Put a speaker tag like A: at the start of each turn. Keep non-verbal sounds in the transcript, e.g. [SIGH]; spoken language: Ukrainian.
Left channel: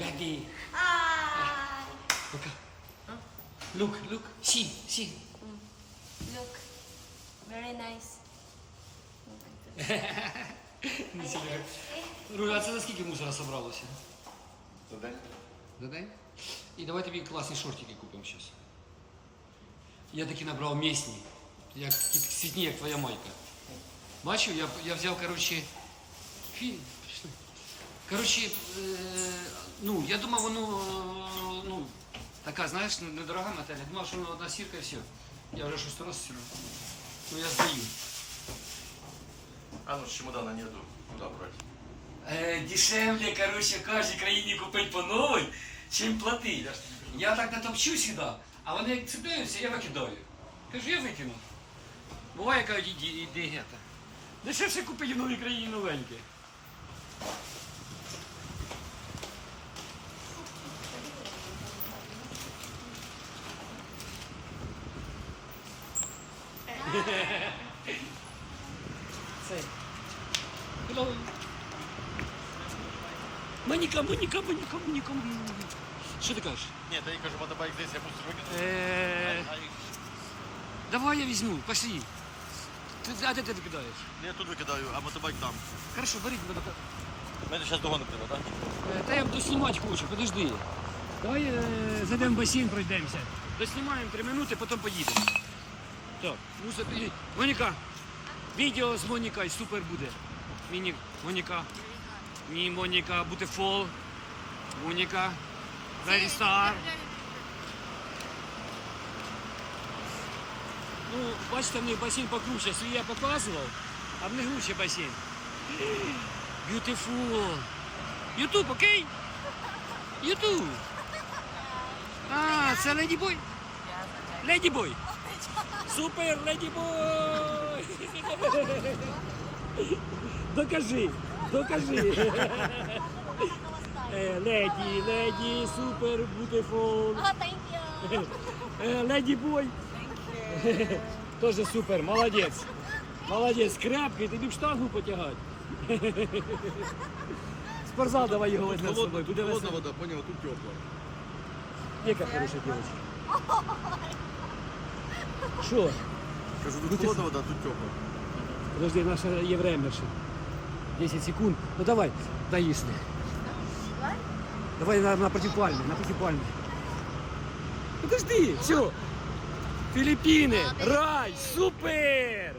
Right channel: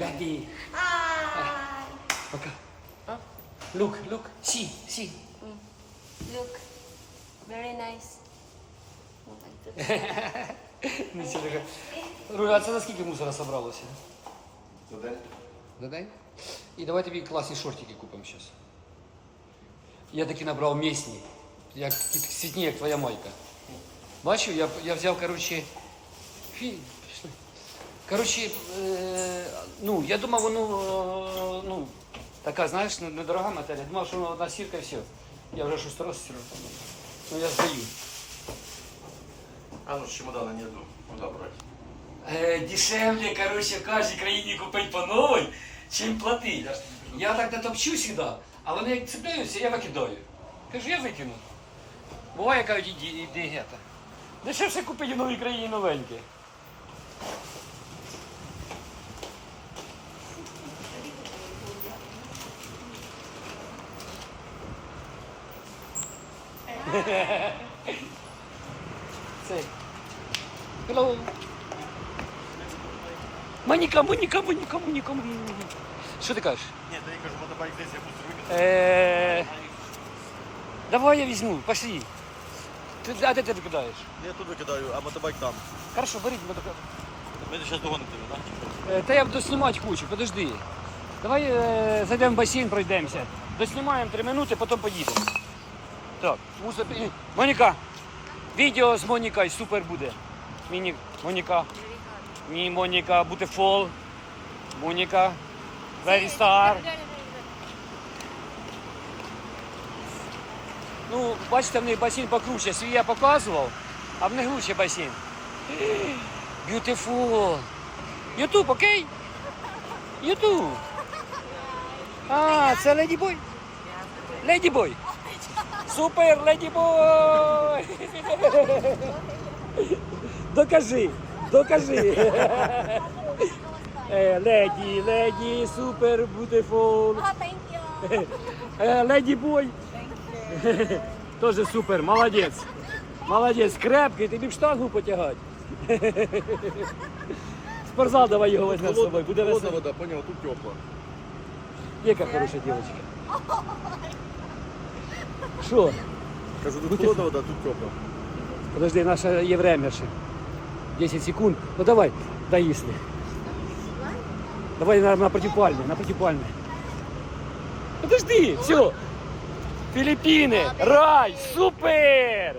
A: Daddy.
B: Hi.
A: Пока. Look, look. See, see.
B: Look. Very nice. [LAUGHS]
A: Руля, а це за скільки мусора собралося?
C: За день?
A: За день? І давай тобі класні шортики купимо зараз. Я таки набрав місні, як ті сітні, як твоя майка. Бачив, я, я взяв, коротше, фі... Коротше, е, ну, я думав, воно, е, ну, така, знаєш, ну, недорога матерія. Думав, що вона одна сірка і все. Я вже шостий раз сіру. Ну, я здаю.
C: А ну, с чемодана нету. Куда брать?
A: Е, дешевле, короче, в кожній країні купити по новій, чим платити. Я так натопчу сюди, а вони як цепляються, я викидаю. Кажу, я викину. Буває, кажуть, іди, іди гета. Дешевше купити в новій країні новеньке. Цей. Hello. Моніка, Моніка, Моніка, Моніка, Моніка. Що ти кажеш?
C: Нет, я кажу, мотобайк здесь, я мусор выкину.
A: Е, давай я візьму, пошли. Ти, а де ти викидаєш?
C: Я тут викидаю, а мотобайк там.
A: Хорошо, беріть мене.
C: Ми зараз догонимо тебе, так?
A: Е, Та я доснімати хочу, подожди. Давай е, зайдемо в басейн, пройдемося. Доснімаємо три минути, потім поїдемо. Так, і- Моніка, відео з Монікою супер буде. Міні, Моніка. Ні, Моніка, beautiful. Моніка. Very star. Ну, бачите, в них басейн покруче. Свій я показував, а в них лучше басейн. Beautiful. Ютуб, окей? Ютуб. [LAUGHS] А, це Леді Бой? Леді Бой. Супер, Леді Бой. Докажи, докажи. [LAUGHS] Е, Леді, леді, супер,
B: you.
A: Е, Леді Бой. Тоже супер, молодець. Молодець, крепкий, тобі б штангу потягати. Спортзал давай його возьмемо з собою. Буде
C: холодна
A: весело.
C: вода, понял, тут тепла.
A: Яка хороша дівчинка. Що?
C: Кажу, тут холодна вода, тут тепла.
A: Подожди, наше є время ще. 10 секунд. Ну давай, доїсли. Давай на, на протипальне, на протипальне. Подожди, все. Филиппины, рай, супер!